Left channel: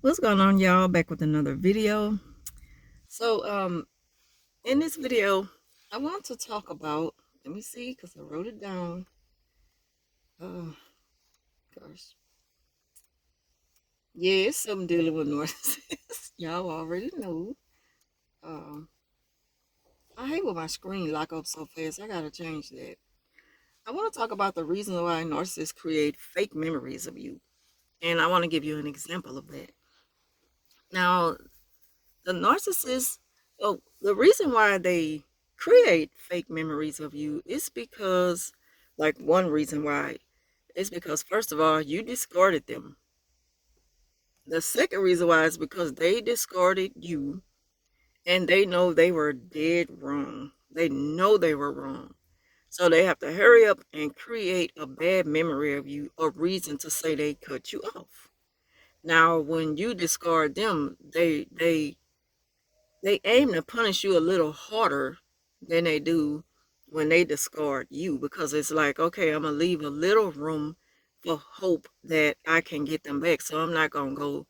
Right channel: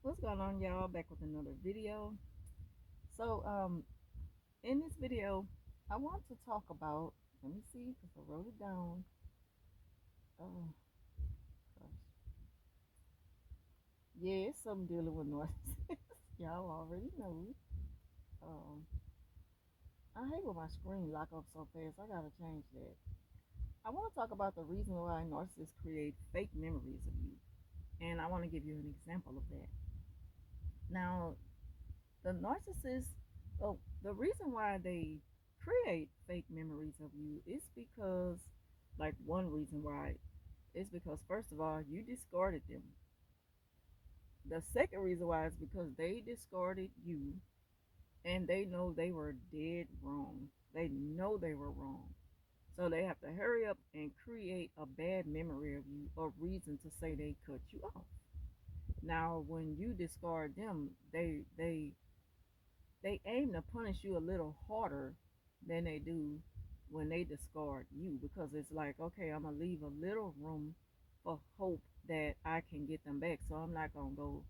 What's going on, y'all? Back with another video. So in this video I want to talk about, let me see because I wrote it down. Oh gosh. Yeah, it's something dealing with narcissists. Y'all already know. um I hate when my screen lock up so fast. I gotta change that. I want to talk about the reason why narcissists create fake memories of you, and I want to give you an example of that. Now, the narcissist, oh, the reason why they create fake memories of you is because, like, one reason why is because, first of all, you discarded them. The second reason why is because they discarded you and they know they were dead wrong. They know they were wrong. So they have to hurry up and create a bad memory of you, a reason to say they cut you off. Now, when you discard them, they aim to punish you a little harder than they do when they discard you, because it's like, okay, I'm gonna leave a little room for hope that I can get them back. So I'm not gonna go,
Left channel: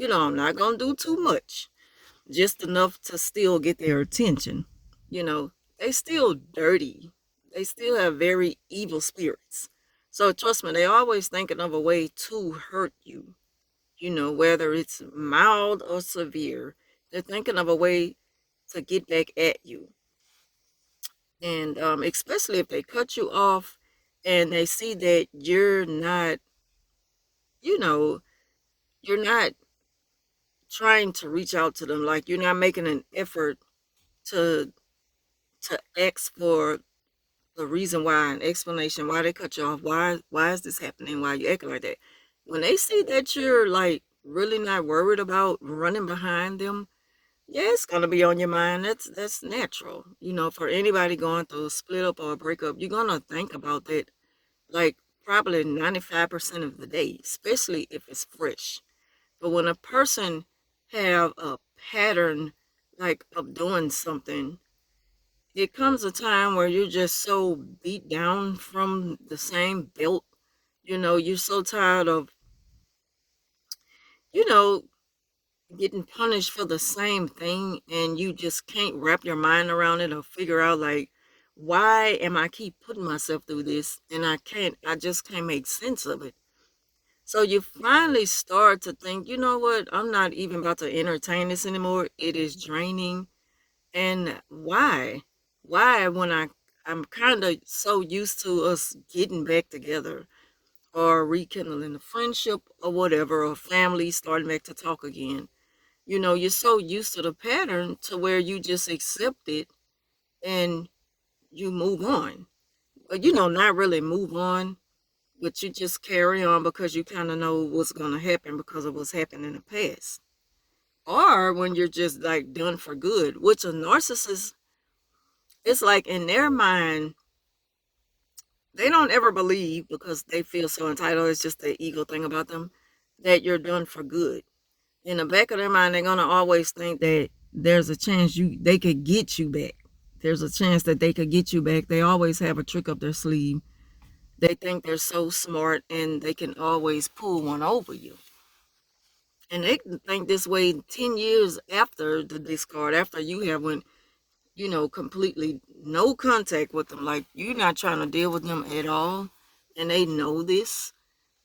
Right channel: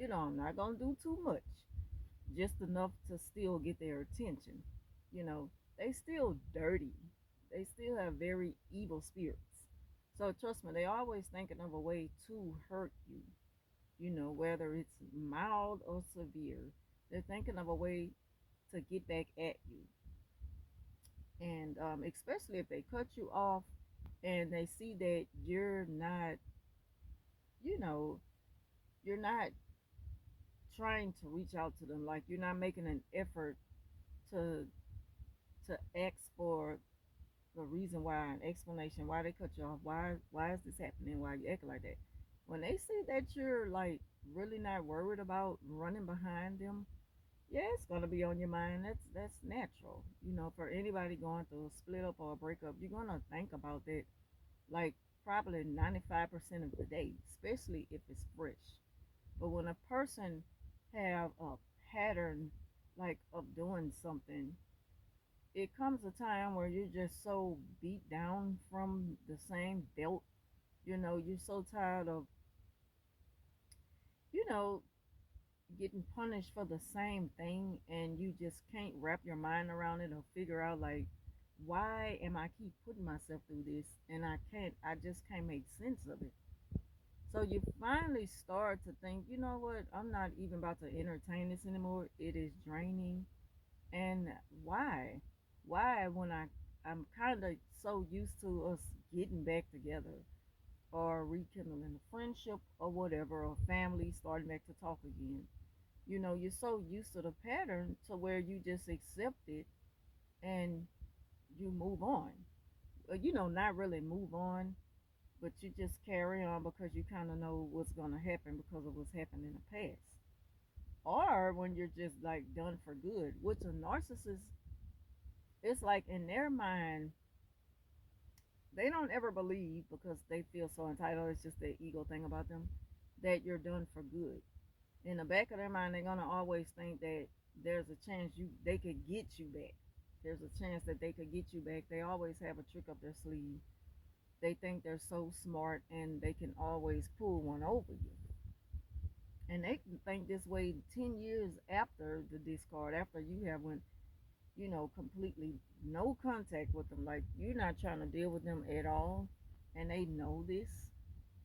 I'm not gonna do too much, just enough to still get their attention. You know, they still dirty. They still have very evil spirits. So trust me, they always thinking of a way to hurt you. Whether it's mild or severe, they're thinking of a way to get back at you. And especially if they cut you off and they see that you know, you're not trying to reach out to them, like you're not making an effort to ask for the reason why, an explanation why they cut you off, why is this happening, why you acting like that. When they see that you're like really not worried about running behind them, yeah, it's gonna be on your mind. That's natural. For anybody going through a split up or a breakup, you're gonna think about that, like, probably 95% of the day, especially if it's fresh. But when a person have a pattern, like, of doing something, it comes a time where you're just so beat down from the same belt. You're so tired of, you know, getting punished for the same thing, and you just can't wrap your mind around it or figure out, like, why am I keep putting myself through this, and I just can't make sense of it. So you finally start to think, you know what, I'm not even about to entertain this anymore. It is draining. And why, when I'm kind of so used to us getting back together or rekindling a friendship or whatever, or family starting back to talk again. You're so used to the pattern to where you just accept it and you move on. But, not really move on, but you just carry on because you kind of know what's going to happen because of what's happened in the past. Or when you're just like done for good, which a narcissist, it's like in their mind, they don't ever believe, because they feel so entitled, it's just the ego thing about them, that you're done for good. In the back of their mind, they're gonna always think that there's a chance they could get you back. There's a chance that they could get you back. They always have a trick up their sleeve. They think they're so smart and they can always pull one over you. And they think this way 10 years after the discard, after you have went, completely no contact with them. Like, you're not trying to deal with them at all. And they know this,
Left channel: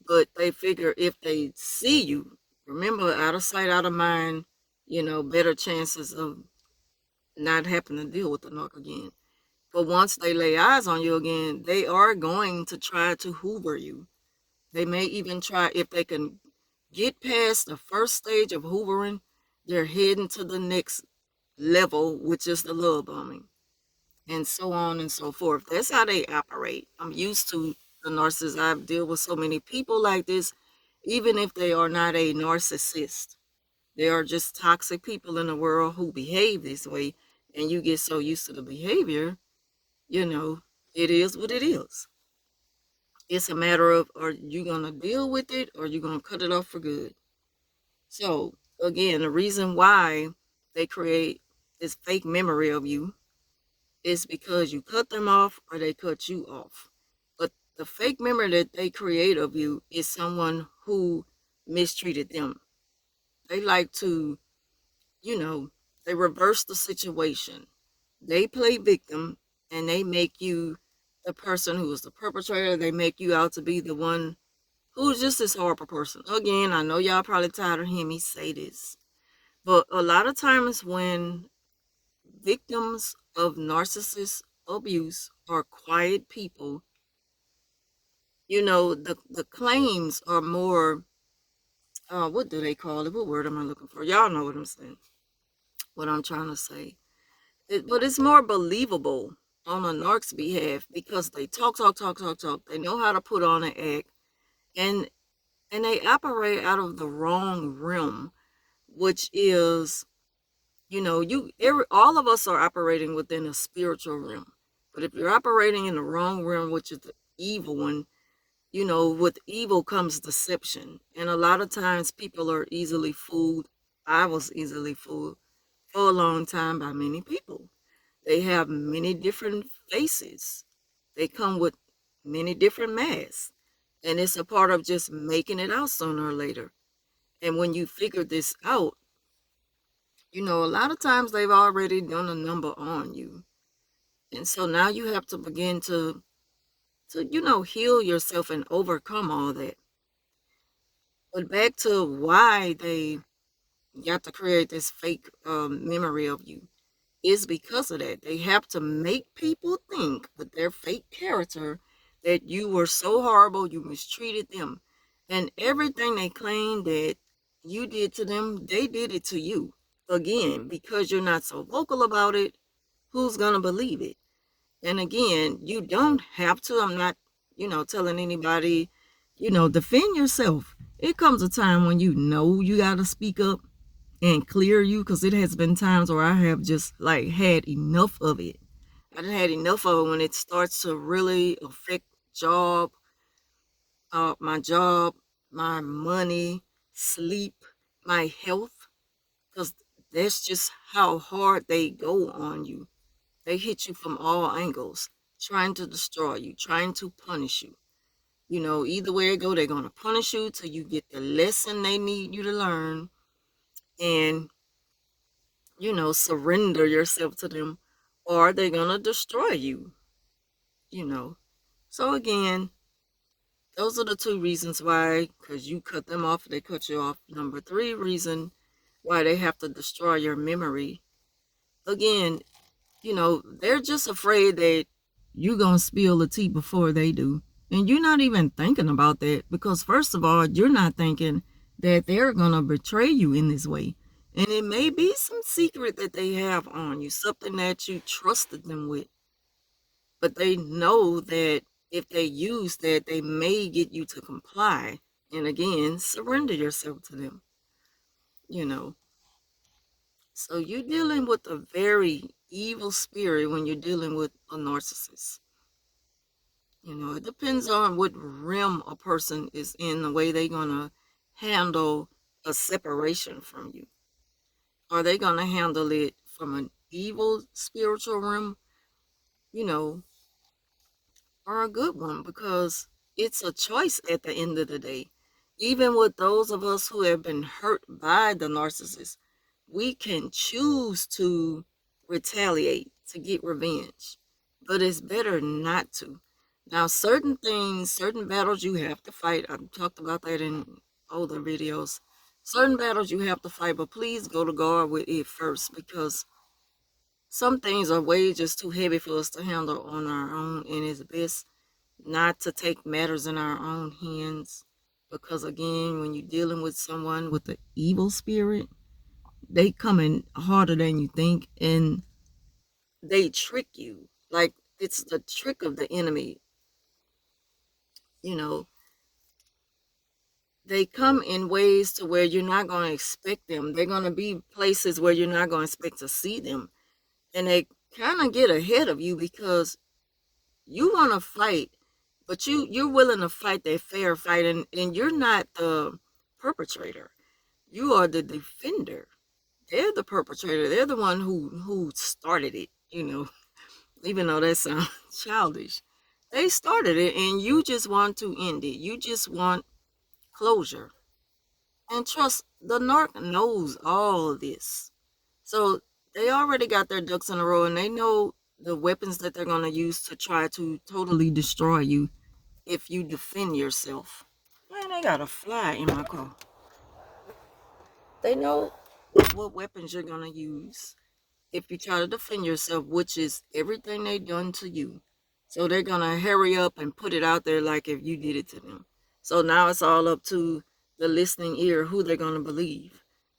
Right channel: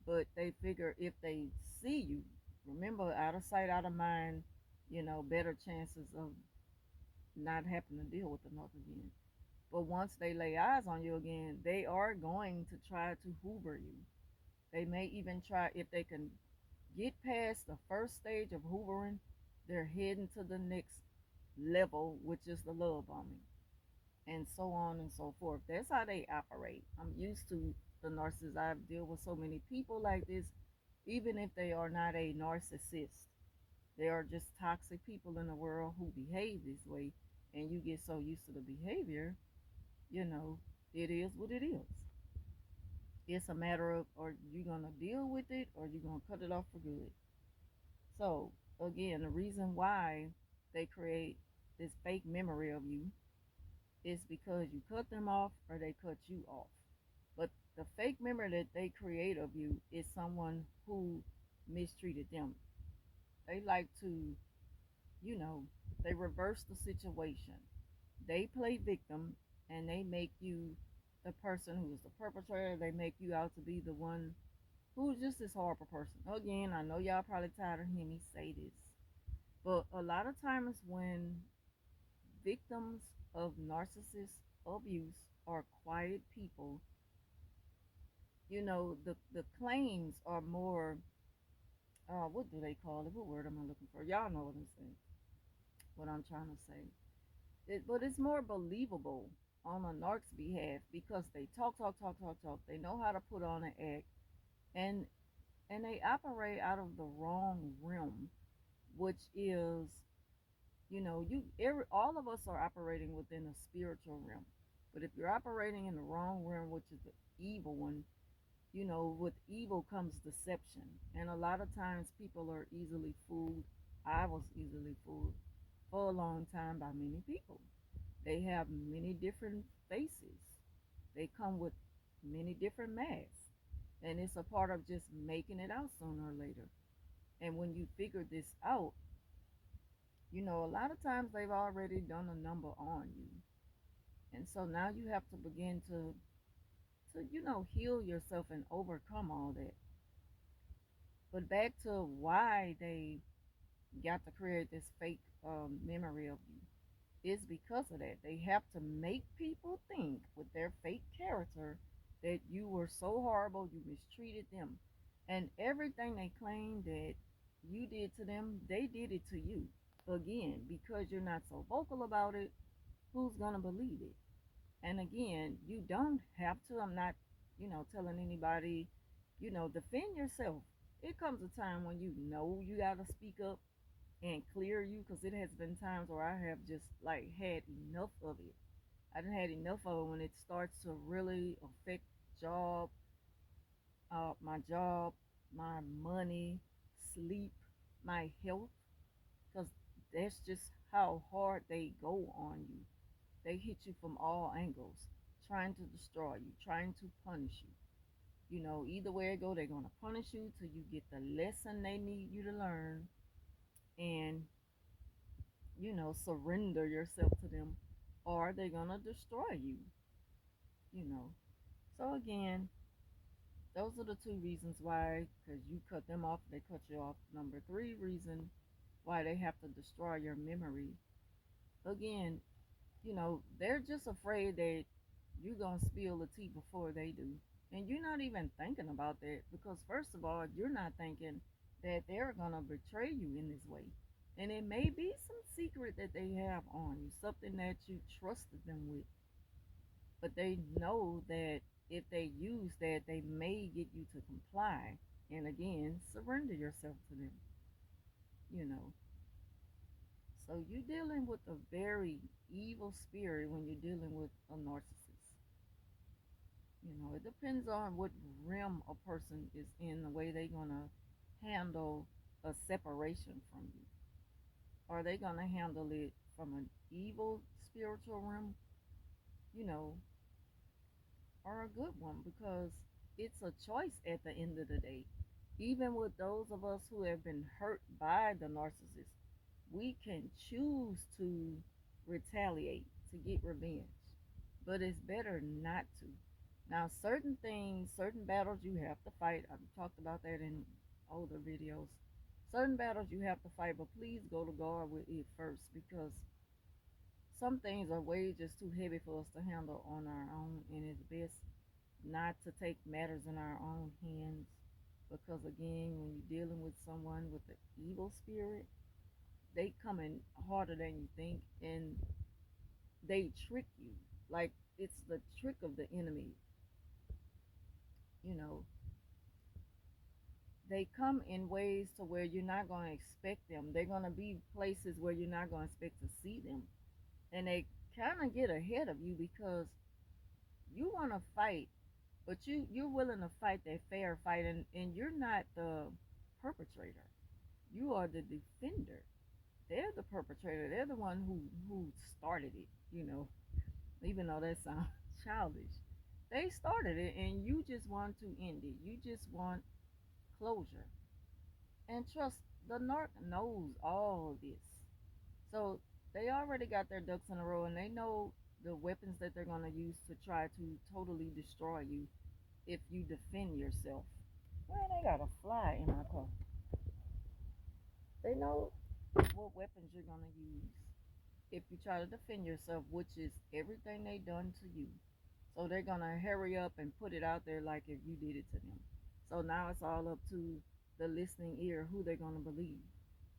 but they figure if they see you, remember, out of sight, out of mind, better chances of not having to deal with the narc again. But once they lay eyes on you again, they are going to try to hoover you. They may even try, if they can get past the first stage of hoovering, they're heading to the next level, which is the love bombing, and so on and so forth. That's how they operate. I'm used to the narcissists. I've dealt with so many people like this, even if they are not a narcissist. They are just toxic people in the world who behave this way, and you get so used to the behavior, you know, it is what it is. It's a matter of, are you going to deal with it or are you going to cut it off for good? So, again, the reason why they create this fake memory of you is because you cut them off or they cut you off. But the fake memory that they create of you is someone who mistreated them. They like to, you know, they reverse the situation. They play victim and they make you the person who is the perpetrator. They make you out to be the one who's just this horrible person. Again, I know y'all probably tired of hearing me say this, but a lot of times when victims of narcissist abuse are quiet people, the claims are more, what do they call it? What word am I looking for? Y'all know what I'm saying, what I'm trying to say. But it's more believable on a narc's behalf because they talk, talk, talk, talk, talk. They know how to put on an act, and they operate out of the wrong realm, which is, all of us are operating within a spiritual realm. But if you're operating in the wrong realm, which is the evil one, with evil comes deception. And a lot of times people are easily fooled. I was easily fooled for a long time by many people. They have many different faces. They come with many different masks. And it's a part of just making it out sooner or later. And when you figure this out, a lot of times they've already done a number on you. And so now you have to begin to heal yourself and overcome all that. But back to why they got to create this fake memory of you is because of that. They have to make people think with their fake character that you were so horrible, you mistreated them. And everything they claim that you did to them, they did it to you. Again, because you're not so vocal about it, who's going to believe it? And again, you don't have to. I'm not, telling anybody, defend yourself. It comes a time when you got to speak up and clear you, because it has been times where I have just like had enough of it. I done had enough of it when it starts to really affect job, my job, my money, sleep, my health, because that's just how hard they go on you. They hit you from all angles, trying to destroy you, trying to punish you. Either way it go, they're gonna punish you till you get the lesson they need you to learn, and surrender yourself to them, or they're gonna destroy you. You know. So again, those are the two reasons why, because you cut them off, they cut you off. Number three reason why they have to destroy your memory. Again, they're just afraid that you're going to spill the tea before they do. And you're not even thinking about that because, first of all, you're not thinking that they're going to betray you in this way. And it may be some secret that they have on you, something that you trusted them with. But they know that if they use that, they may get you to comply. And again, surrender yourself to them, you know. So you're dealing with a very evil spirit when you're dealing with a narcissist. It depends on what realm a person is in, the way they're going to handle a separation from you. Are they going to handle it from an evil spiritual realm, you know, or a good one? Because it's a choice at the end of the day. Even with those of us who have been hurt by the narcissist, we can choose to retaliate, to get revenge. But it's better not to. Now, certain things, certain battles you have to fight. I've talked about that in older videos. Certain battles you have to fight, but please go to God with it first, because some things are way just too heavy for us to handle on our own, and it's best not to take matters in our own hands. Because again, when you're dealing with someone with the evil spirit, they come in harder than you think, and they trick you. Like, it's the trick of the enemy. You know, they come in ways to where you're not going to expect them. They're going to be places where you're not going to expect to see them. And they kind of get ahead of you because you want to fight, but you're willing to fight that fair fight, and you're not the perpetrator. You are the defender. They're the perpetrator. They're the one who started it. Even though that sounds childish. They started it, and you just want to end it. You just want closure. And trust, the narc knows all of this. So they already got their ducks in a row and they know the weapons that they're going to use to try to totally destroy you if you defend yourself. Man, they got a fly in my car. They know what weapons you're going to use if you try to defend yourself, which is everything they done to you. So they're going to hurry up and put it out there like if you did it to them. So now it's all up to the listening ear who they're going to believe.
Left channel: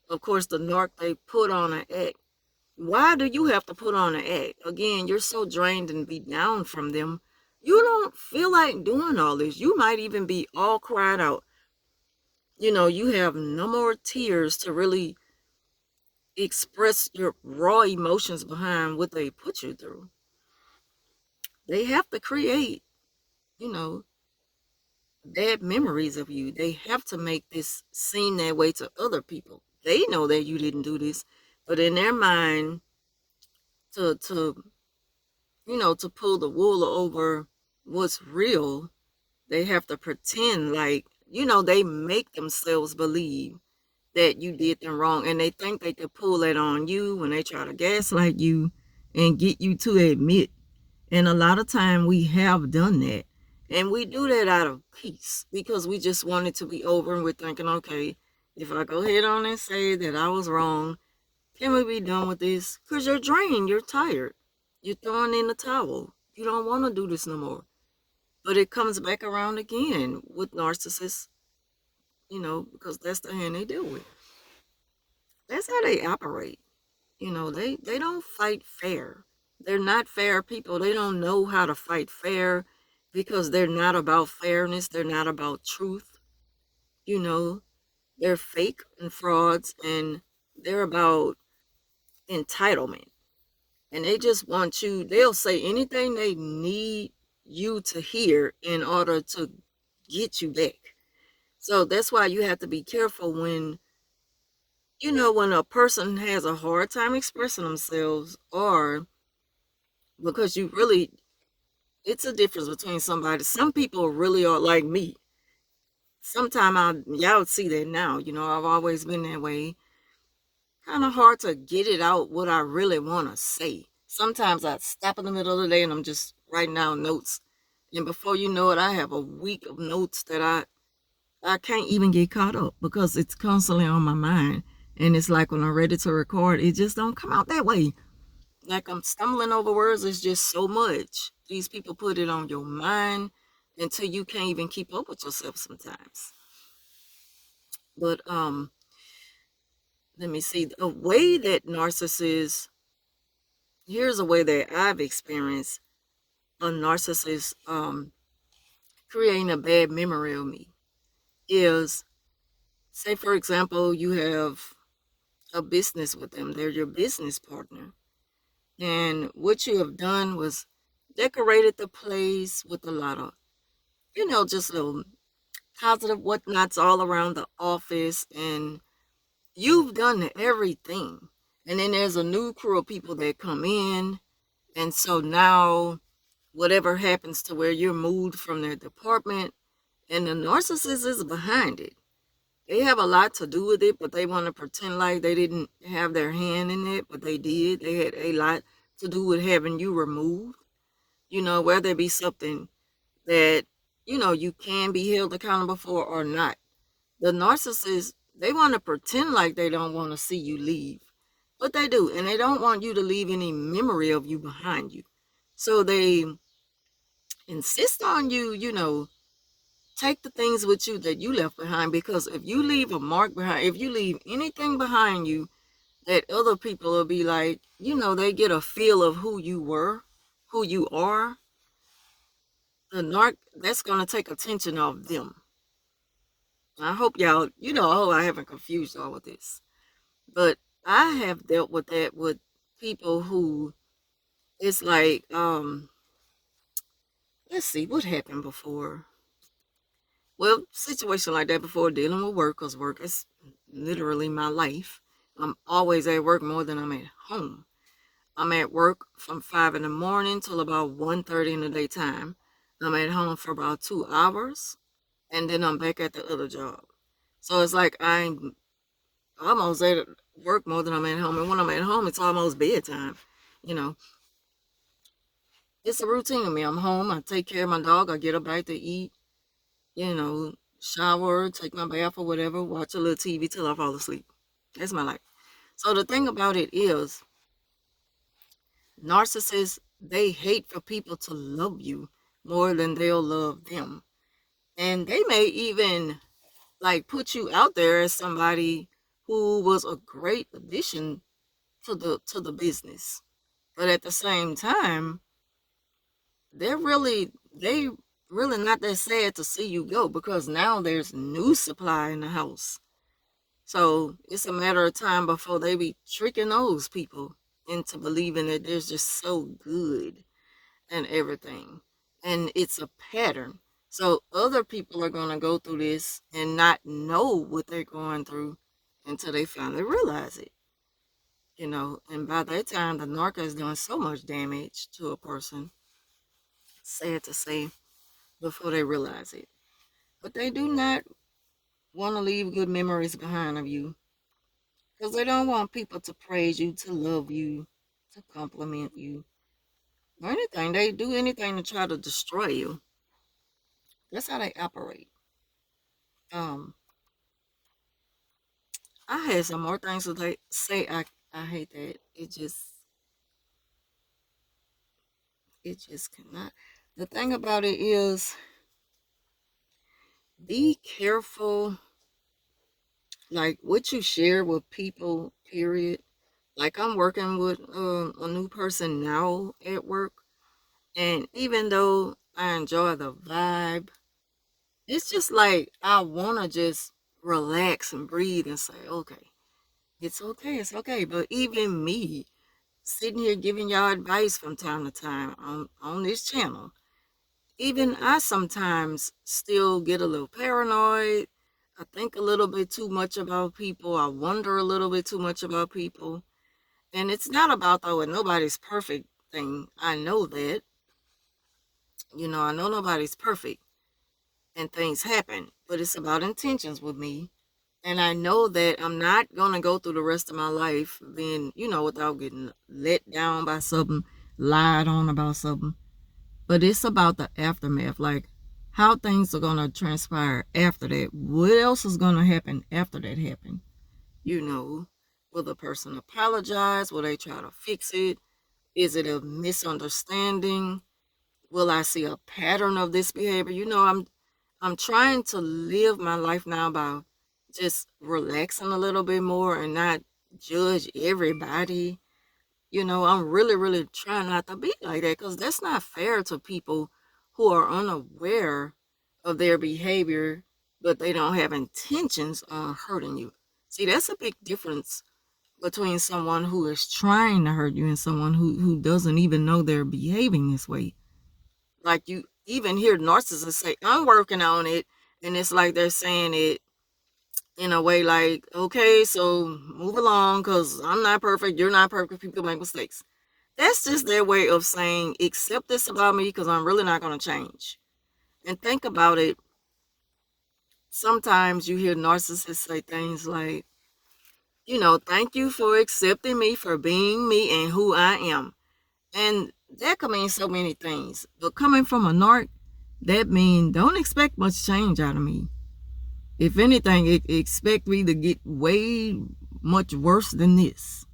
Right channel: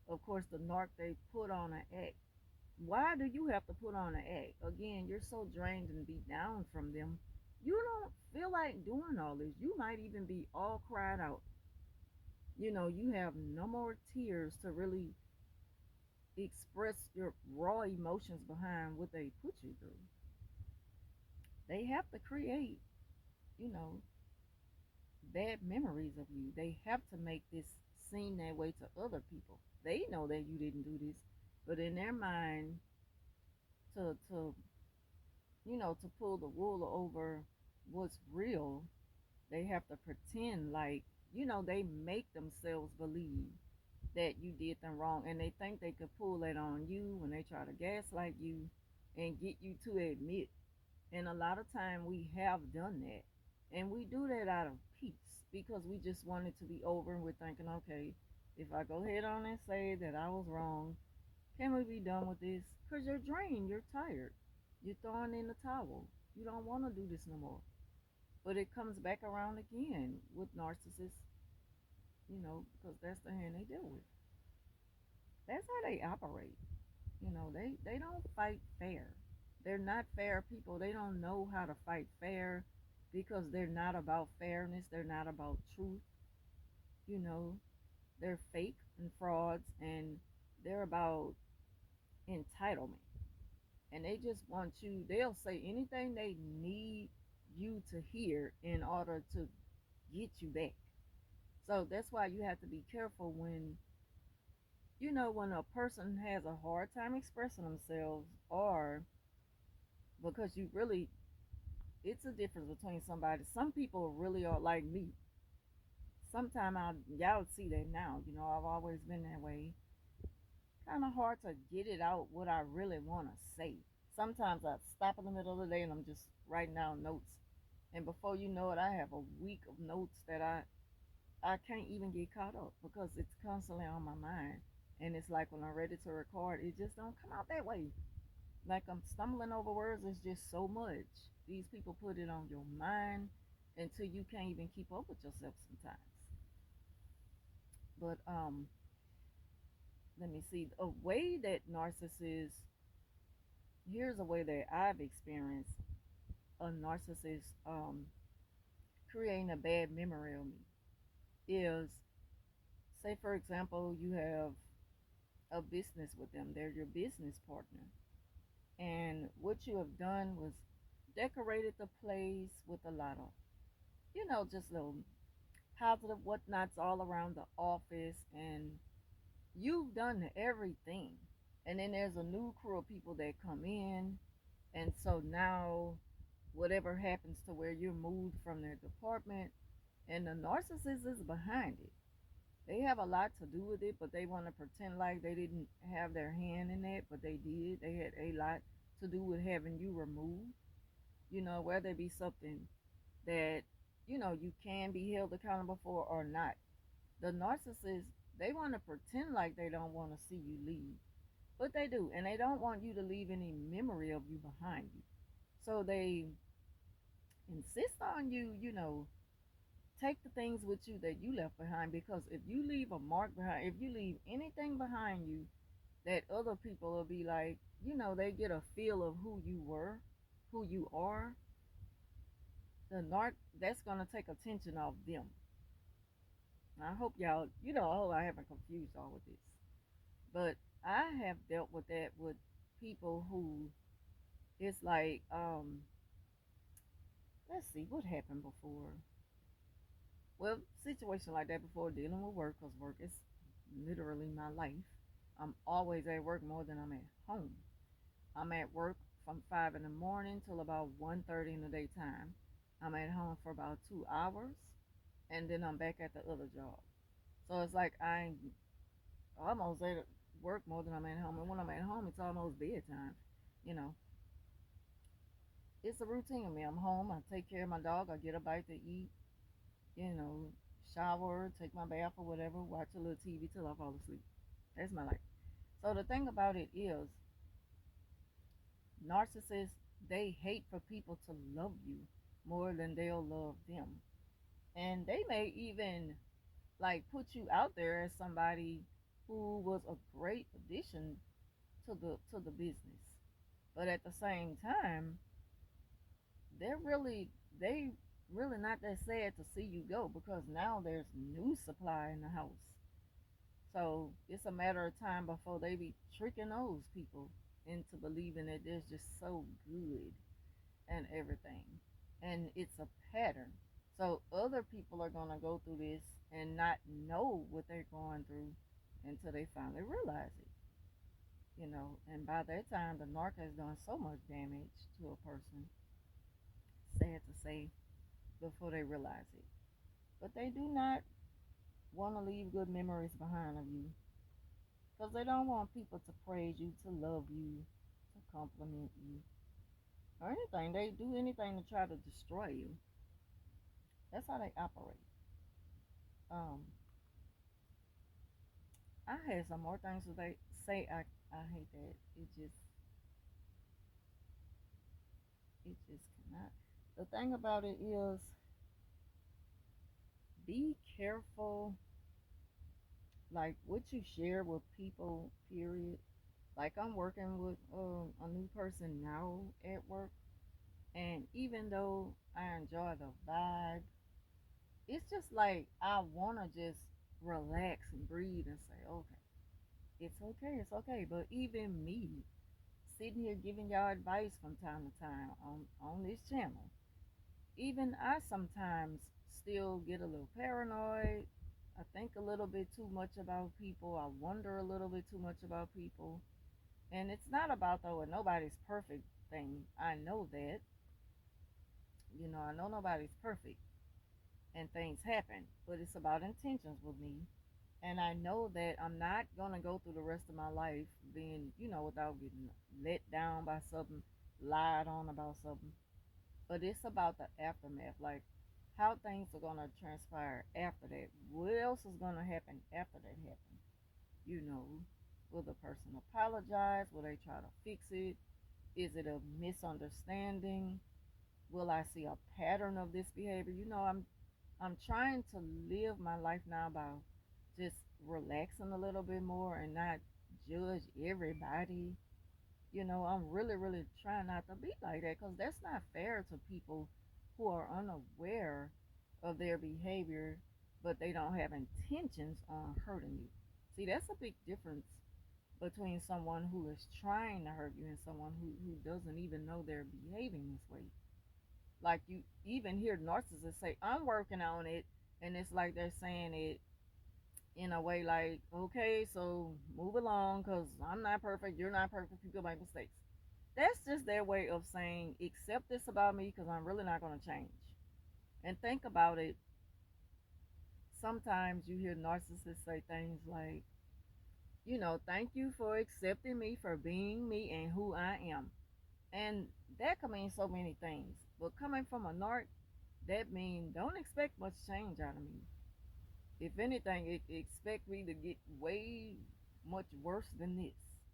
Of course, the narc, they put on an act. Why do you have to put on an act? Again, you're so drained and beat down from them. You don't feel like doing all this. You might even be all cried out. You know, you have no more tears to really express your raw emotions behind what they put you through. They have to create, you know, bad memories of you. They have to make this seem that way to other people. They know that you didn't do this, but in their mind, to to pull the wool over what's real, they have to pretend like, they make themselves believe that you did them wrong, and they think they could pull that on you when they try to gaslight you and get you to admit. And a lot of time we have done that, and we do that out of peace because we just want it to be over, and we're thinking, okay, if I go ahead on and say that I was wrong, can we be done with this? Because you're drained, you're tired, you're throwing in the towel, you don't want to do this no more. But it comes back around again with narcissists, because that's the hand they deal with. That's how they operate. They don't fight fair. They're not fair people. They don't know how to fight fair because they're not about fairness. They're not about truth. You know, they're fake and frauds, and they're about entitlement. And they just want you, they'll say anything they need you to hear in order to get you back. So that's why you have to be careful when a person has a hard time expressing themselves, or because it's a difference between somebody. Some people really are like me. Sometimes y'all see that now. I've always been that way. Kind of hard to get it out what I really want to say. Sometimes I stop in the middle of the day and I'm just writing down notes. And before you know it, I have a week of notes that I can't even get caught up because it's constantly on my mind. And it's like when I'm ready to record, it just don't come out that way. Like I'm stumbling over words. It's just so much. These people put it on your mind until you can't even keep up with yourself sometimes. But let me see. A way that narcissists, here's a way that I've experienced a narcissist creating a bad memory of me is, say for example, you have a business with them. They're your business partner. And what you have done was decorated the place with a lot of, just little positive whatnots all around the office. And you've done everything. And then there's a new crew of people that come in. And so now, whatever happens to where you're moved from their department, and the narcissist is behind it. They have a lot to do with it, but they want to pretend like they didn't have their hand in it, but they did. They had a lot to do with having you removed. Whether it be something that, you can be held accountable for or not. The narcissists, they want to pretend like they don't want to see you leave, but they do. And they don't want you to leave any memory of you behind you. So they insist on you, take the things with you that you left behind, because if you leave a mark behind, if you leave anything behind you, that other people will be like, they get a feel of who you were, who you are. The narc, that's going to take attention off them. I hope y'all, I haven't confused y'all with this. But I have dealt with that with people who, it's like, let's see, what happened before? Well, situation like that before, dealing with work, because work is literally my life. I'm always at work more than I'm at home. I'm at work from 5 in the morning till about 1:30 in the daytime. I'm at home for about 2 hours, and then I'm back at the other job. So it's like I'm almost at work more than I'm at home. And when I'm at home, it's almost bedtime. You know, it's a routine to me. I'm home, I take care of my dog, I get a bite to eat, shower, take my bath or whatever, watch a little TV till I fall asleep. That's my life. So the thing about it is, narcissists, they hate for people to love you more than they'll love them. And they may even like put you out there as somebody who was a great addition to the business. But at the same time, they really not that sad to see you go, because now there's new supply in the house. So it's a matter of time before they be tricking those people into believing that they're just so good and everything. And it's a pattern. So other people are going to go through this and not know what they're going through until they finally realize it. And by that time, the narc has done so much damage to a person, sad to say, before they realize it. But they do not want to leave good memories behind of you, because they don't want people to praise you, to love you, to compliment you, or anything. They do anything to try to destroy you. That's how they operate. Um, I had some more things to say. I hate that. It just cannot. The thing about it is, be careful, like what you share with people. Period. Like I'm working with a new person now at work, and even though I enjoy the vibe, it's just like I wanna just relax and breathe and say, okay, it's okay, it's okay. But even me, sitting here giving y'all advice from time to time on this channel, even I sometimes still get a little paranoid. I think a little bit too much about people. I wonder a little bit too much about people. And it's not about though a nobody's perfect thing. I know that. I know nobody's perfect and things happen, but it's about intentions with me. And I know that I'm not going to go through the rest of my life being, without getting let down by something, lied on about something. But it's about the aftermath, like how things are going to transpire after that. What else is going to happen after that happened? Will the person apologize? Will they try to fix it? Is it a misunderstanding? Will I see a pattern of this behavior? I'm trying to live my life now by just relaxing a little bit more and not judge everybody. I'm really, really trying not to be like that, because that's not fair to people who are unaware of their behavior, but they don't have intentions on hurting you. See, that's a big difference between someone who is trying to hurt you and someone who doesn't even know they're behaving this way. Like, you even hear narcissists say, I'm working on it. And it's like they're saying it in a way like, okay, so move along, because I'm not perfect. You're not perfect. People make mistakes. That's just their way of saying, accept this about me, because I'm really not going to change. And think about it. Sometimes you hear narcissists say things like, thank you for accepting me for being me and who I am. And that could mean so many things. But coming from a narc, that means don't expect much change out of me. If anything, expect me to get way much worse than this.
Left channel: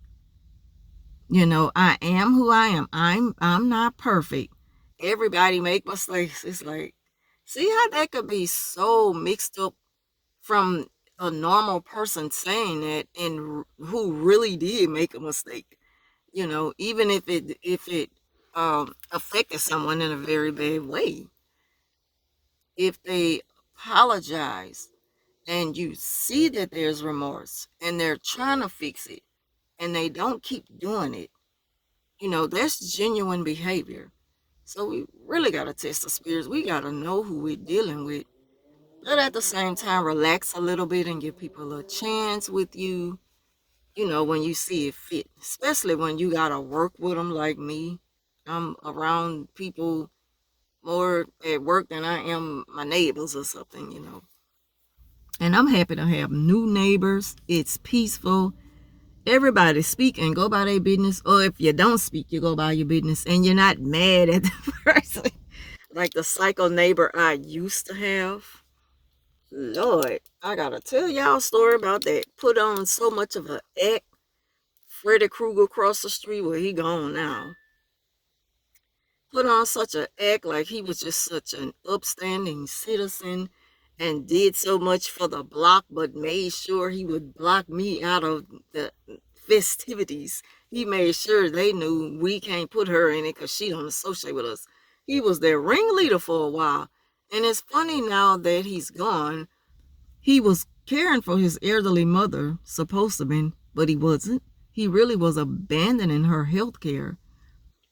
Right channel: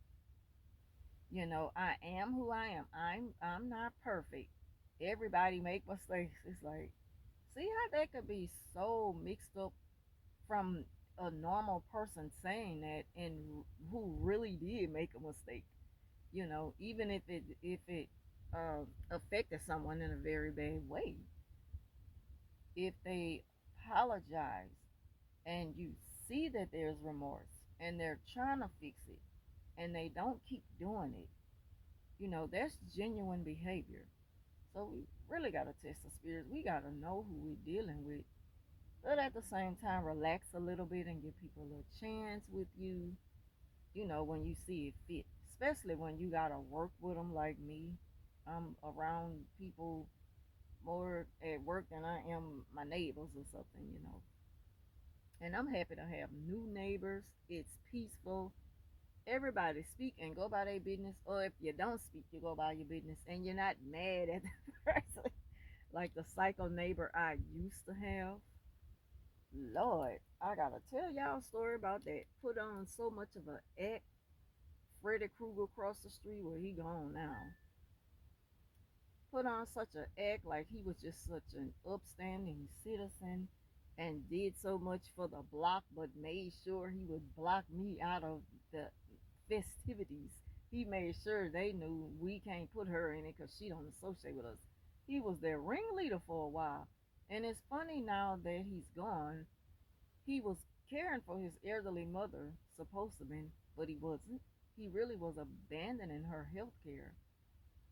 I am who I am. I'm not perfect. Everybody make mistakes. It's like, see how that could be so mixed up from a normal person saying that, and who really did make a mistake. Even if it affected someone in a very bad way. If they apologize and you see that there's remorse and they're trying to fix it and they don't keep doing it, that's genuine behavior. So we really got to test the spirits. We got to know who we're dealing with. But at the same time, relax a little bit and give people a chance with you, when you see it fit. Especially when you got to work with them like me. I'm around people more at work than I am my neighbors or something. And I'm happy to have new neighbors. It's peaceful. Everybody speak and go by their business. Or if you don't speak, you go by your business. And you're not mad at the person. Like the psycho neighbor I used to have. Lord, I gotta tell y'all a story about that. Put on so much of a act. Freddy Krueger across the street, where he gone now. Put on such an act like he was just such an upstanding citizen and did so much for the block, but made sure he would block me out of the festivities. He made sure they knew we can't put her in it because she don't associate with us. He was their ringleader for a while. And it's funny now that he's gone. He was caring for his elderly mother, supposed to be, but he wasn't. He really was abandoning her health care.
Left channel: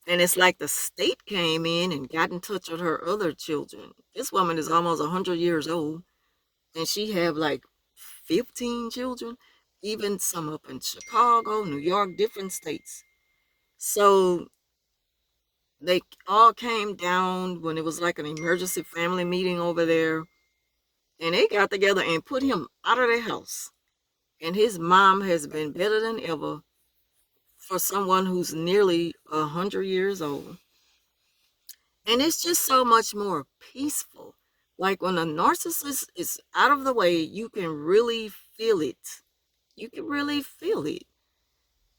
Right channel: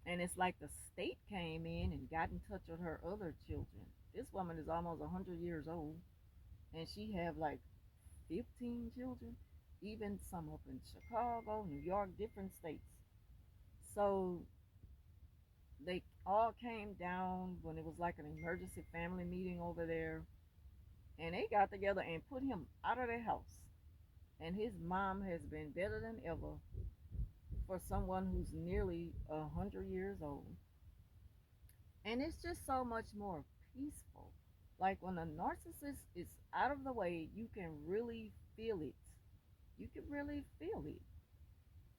And it's like the state came in and got in touch with her other children. This woman is almost 100 years old, and she have like 15 children, even some up in Chicago, New York, different states. So they all came down when it was like an emergency family meeting over there, and they got together and put him out of their house. And his mom has been better than ever for someone who's nearly 100 years old. And it's just so much more peaceful. Like when a narcissist is out of the way, you can really feel it. You can really feel it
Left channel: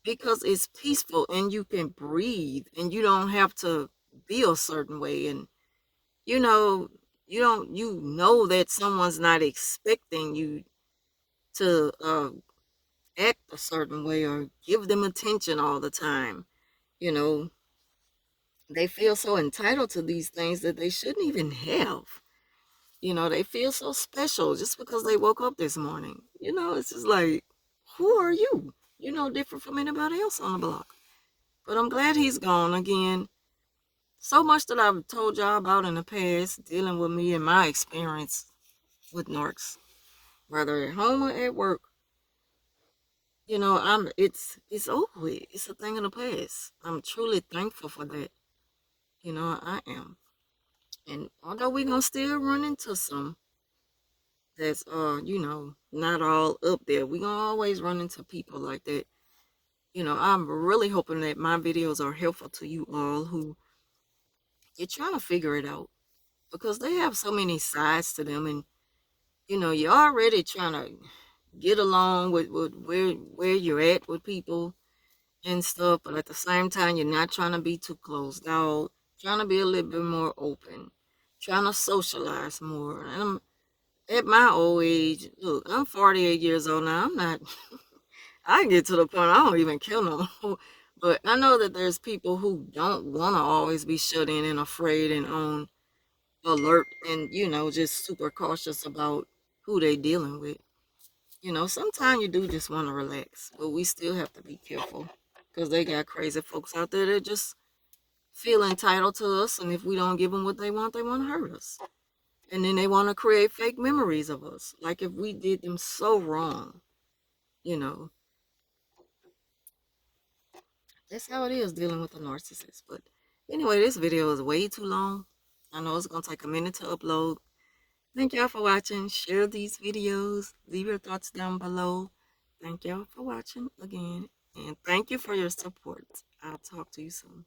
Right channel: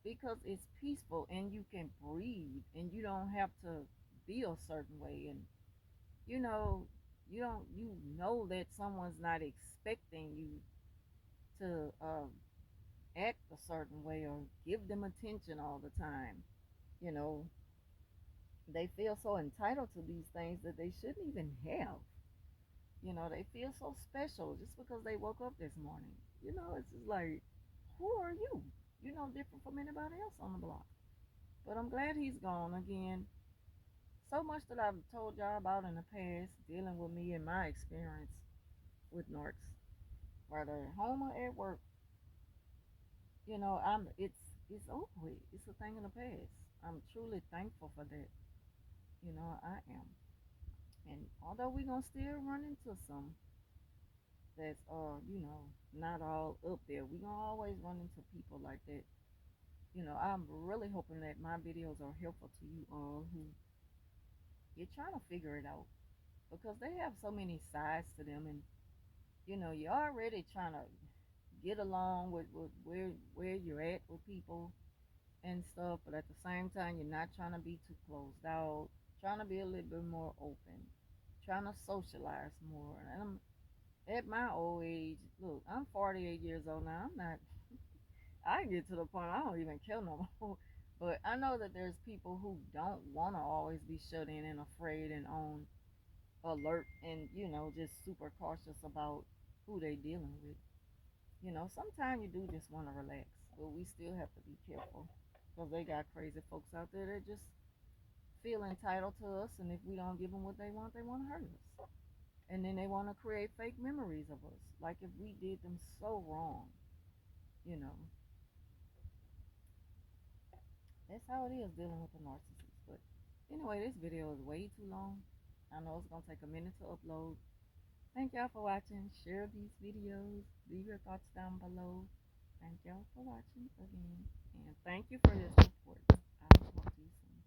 because it's peaceful and you can breathe and you don't have to be a certain way. And you know, you know that someone's not expecting you to act a certain way or give them attention all the time. You know, they feel so entitled to these things that they shouldn't even have. You know, they feel so special just because they woke up this morning. You know, it's just like, who are you? You're no different from anybody else on the block. But I'm glad he's gone again. So much that I've told y'all about in the past, dealing with me and my experience with narcs, whether at home or at work. You know, it's over with. It's a thing in the past. I'm truly thankful for that. You know, I am. And although we're gonna still run into some that's you know, not all up there, we gonna always run into people like that. You know, I'm really hoping that my videos are helpful to you all who you're trying to figure it out, because they have so many sides to them. And you know, you're already trying to get along with where you're at with people and stuff, but at the same time you're not trying to be too closed out, trying to be a little bit more open, trying to socialize more. And I'm at my old age, look, I'm 48 years old now. I'm not, I get to the point I don't even care no more. But I know that there's people who don't want to always be shut in and afraid and on alert and, you know, just super cautious about who they dealing with. You know, sometimes you do just want to relax, but we still have to be careful because they got crazy folks out there that just feel entitled to us. And if we don't give them what they want to hurt us. And then they want to create fake memories of us, like if we did them so wrong. You know, that's how it is dealing with a narcissist. But anyway, this video is way too long. I know it's going to take a minute to upload. Thank y'all for watching. Share these videos. Leave your thoughts down below. Thank y'all for watching again. And thank you for your support. I'll talk to you soon.